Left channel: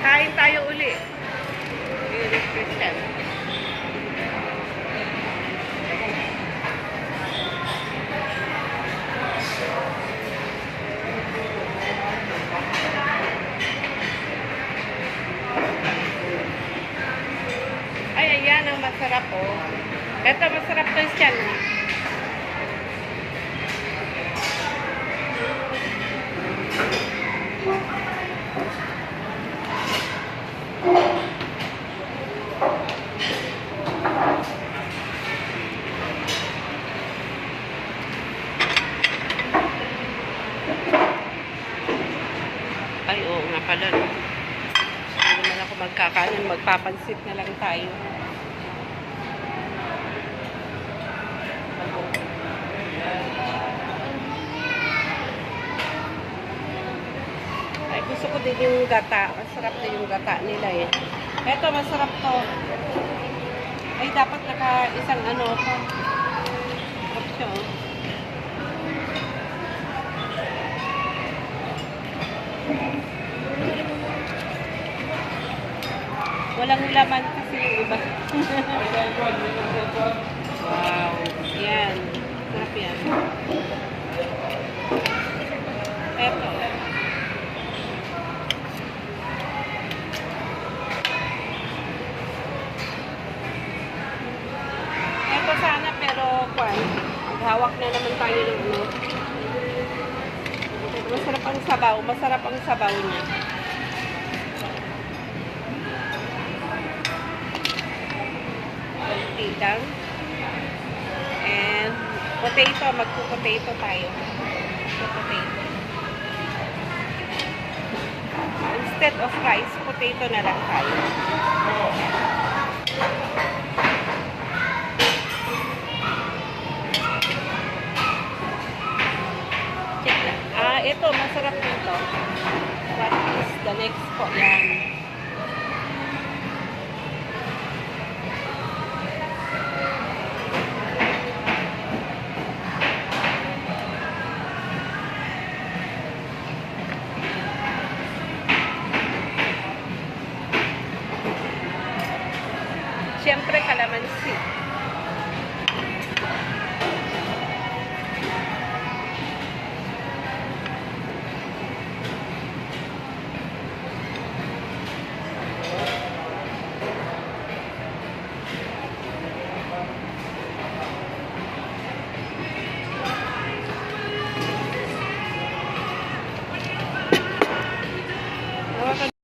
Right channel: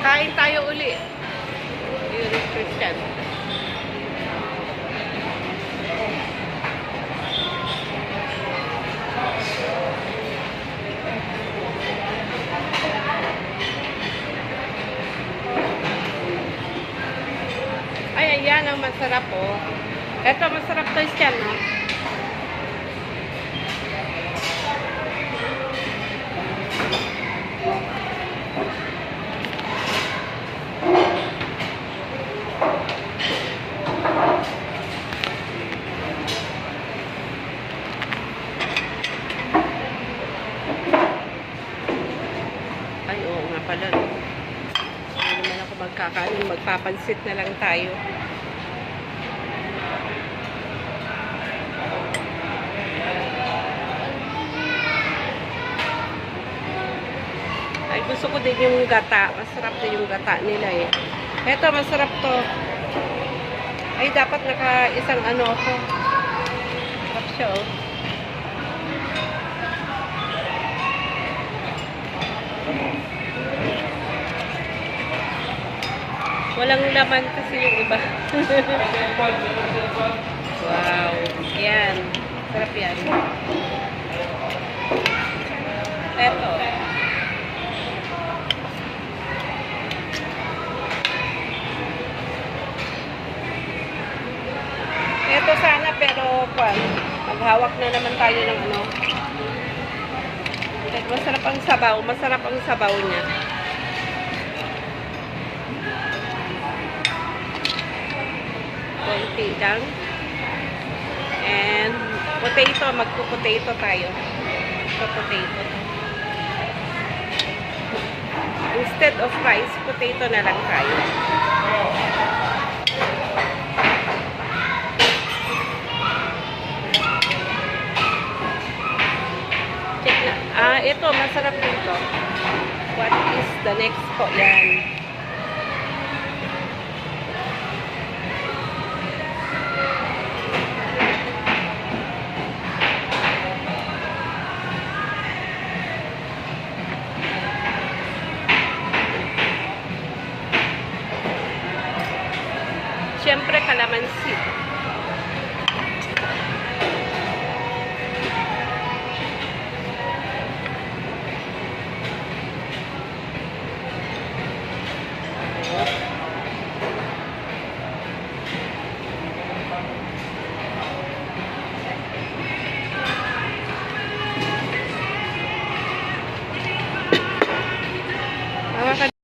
Kain tayo uli. Yun, Christian. Ay, ayan ang masarap oh. Ito, masarap to Christian. Oh. Ay, oo nga pala. Hindi naman ako magkakain. Magpapansit na lang tayo. Ay, gusto ko din yung gata. Masarap din yung gata nila eh. Eto, masarap to. Ay, dapat naka isang ano ako. Masarap siya oh. Walang laman kasi yung iba. Wow. Yan. Sarap yan. Eto. Eto sana pero maghawak na naman tayo ng ano. Masarap ang sabaw. Masarap ang sabaw niya. Konti lang. And potato. Magpo-potato tayo. Potato. Instead of rice, potato na lang tayo. Ito, masarap dito. What is the next po? Yan. Siyempre, kalamansi.